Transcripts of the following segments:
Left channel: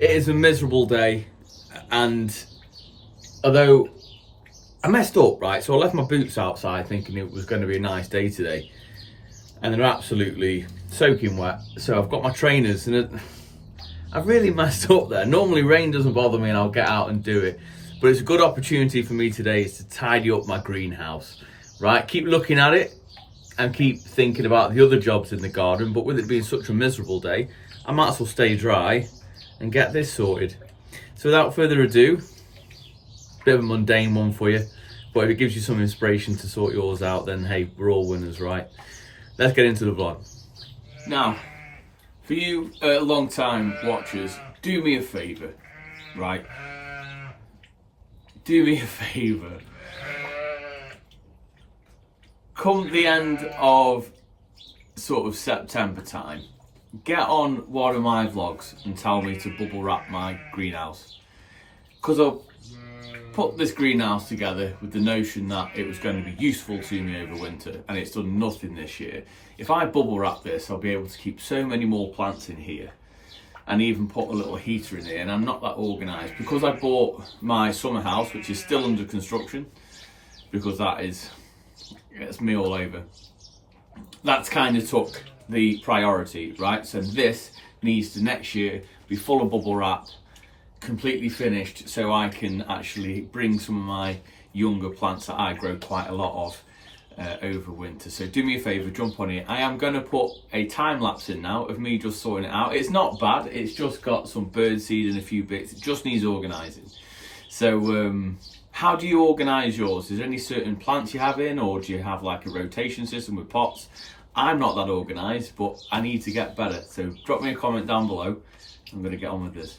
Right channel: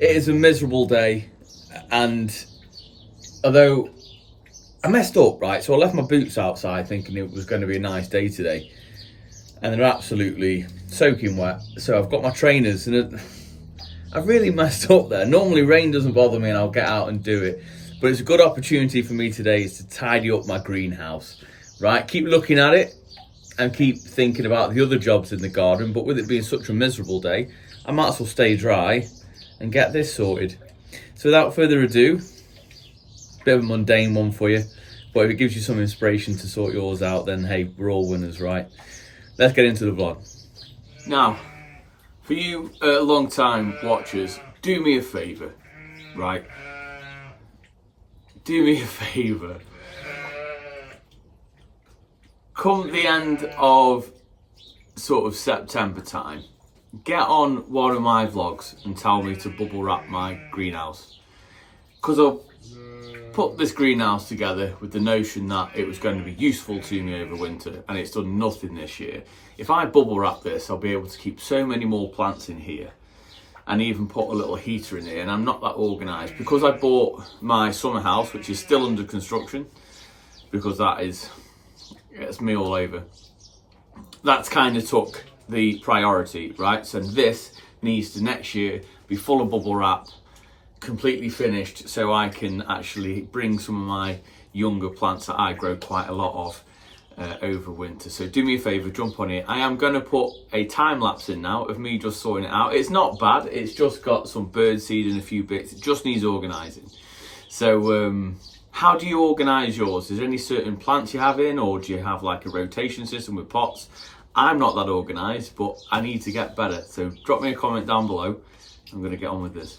It is a miserable day, and although I messed up, right? So I left my boots outside thinking it was going to be a nice day today, and they're absolutely soaking wet. So I've got my trainers, and I've really messed up there. Normally rain doesn't bother me and I'll get out and do it, but it's a good opportunity for me today is to tidy up my greenhouse, right? Keep looking at it and keep thinking about the other jobs in the garden, but with it being such a miserable day, I might as well stay dry and get this sorted. So without further ado, bit of a mundane one for you, but if it gives you some inspiration to sort yours out, then hey, we're all winners, right? Let's get into the vlog. Now, for you long time watchers, do me a favour, right? Do me a favour. Come the end of sort of September time, get on one of my vlogs and tell me to bubble wrap my greenhouse. Because I've put this greenhouse together with the notion that it was going to be useful to me over winter, and it's done nothing this year. If I bubble wrap this, I'll be able to keep so many more plants in here and even put a little heater in here, and I'm not that organised. Because I bought my summer house, which is still under construction, because it's me all over. That's kind of took the priority, right? So this needs to next year be full of bubble wrap, completely finished, so I can actually bring some of my younger plants that I grow quite a lot of over winter. So do me a favour, jump on it. I am going to put a time lapse in now of me just sorting it out. It's not bad, it's just got some bird seed and a few bits. It just needs organising. So how do you organise yours? Is there any certain plants you have in, or do you have like a rotation system with pots? I'm not that organised, but I need to get better. So drop me a comment down below. I'm going to get on with this.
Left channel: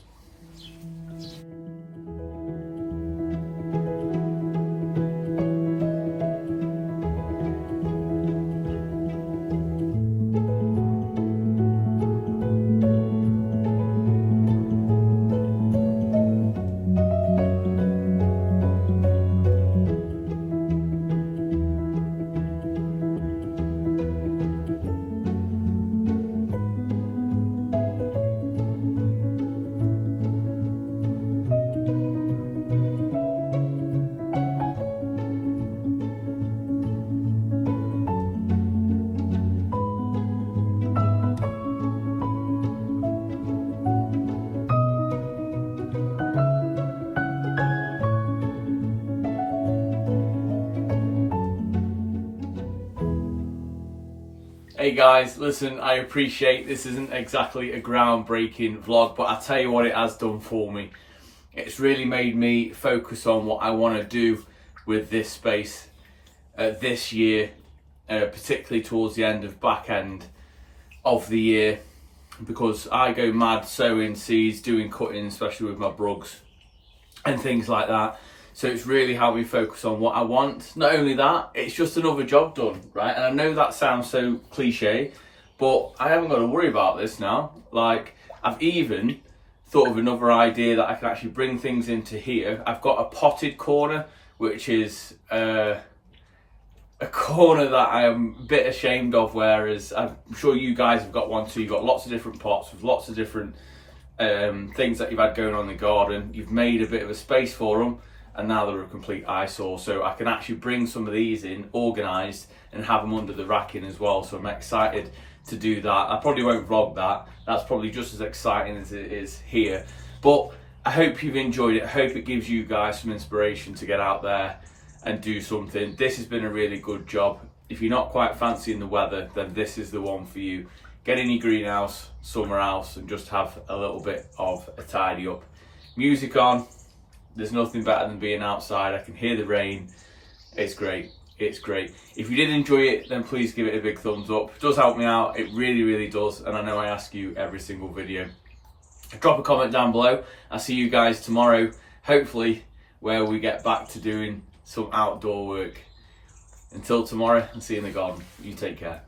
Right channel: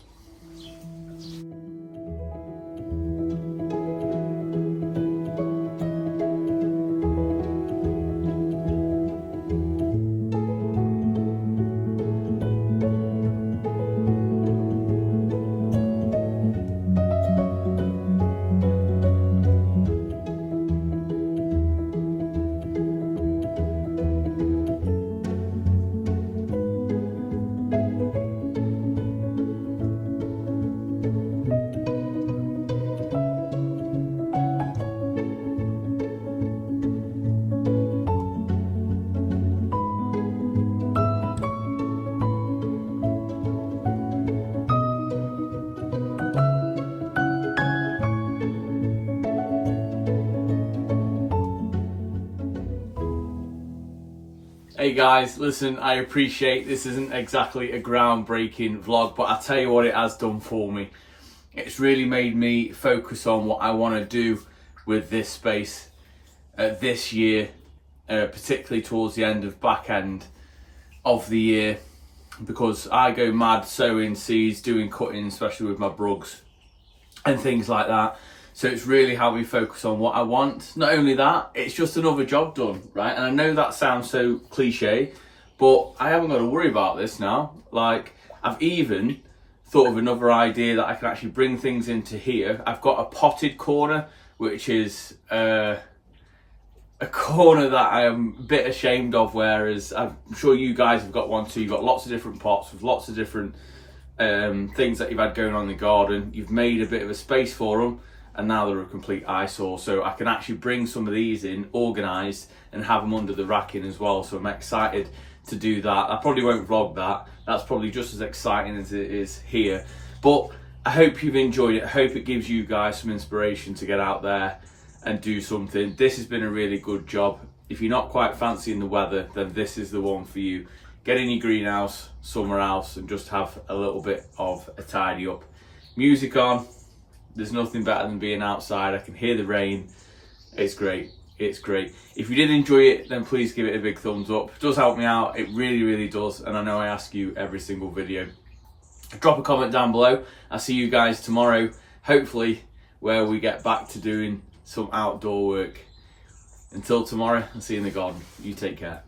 Hey guys, listen, I appreciate this isn't exactly a groundbreaking vlog, but I'll tell you what it has done for me. It's really made me focus on what I want to do with this space this year, particularly towards the back end of the year, because I go mad sowing seeds, doing cutting, especially with my brugs and things like that. So it's really how we focus on what I want. Not only that, it's just another job done, right? And I know that sounds so cliche, but I haven't got to worry about this now. Like, I've even thought of another idea that I can actually bring things into here. I've got a potted corner, which is a corner that I am a bit ashamed of, whereas I'm sure you guys have got one too. You've got lots of different pots with lots of different things that you've had going on in the garden. You've made a bit of a space for them, and now they're a complete eyesore. So I can actually bring some of these in organised and have them under the racking as well. So I'm excited to do that. I probably won't vlog that. That's probably just as exciting as it is here. But I hope you've enjoyed it. I hope it gives you guys some inspiration to get out there and do something. This has been a really good job. If you're not quite fancying the weather, then this is the one for you. Get in your greenhouse, summer house, and just have a little bit of a tidy up. Music on. There's nothing better than being outside. I can hear the rain. It's great. It's great. If you did enjoy it, then please give it a big thumbs up. It does help me out. It really, really does. And I know I ask you every single video. Drop a comment down below. I'll see you guys tomorrow, hopefully, where we get back to doing some outdoor work. Until tomorrow, I'll see you in the garden. You take care.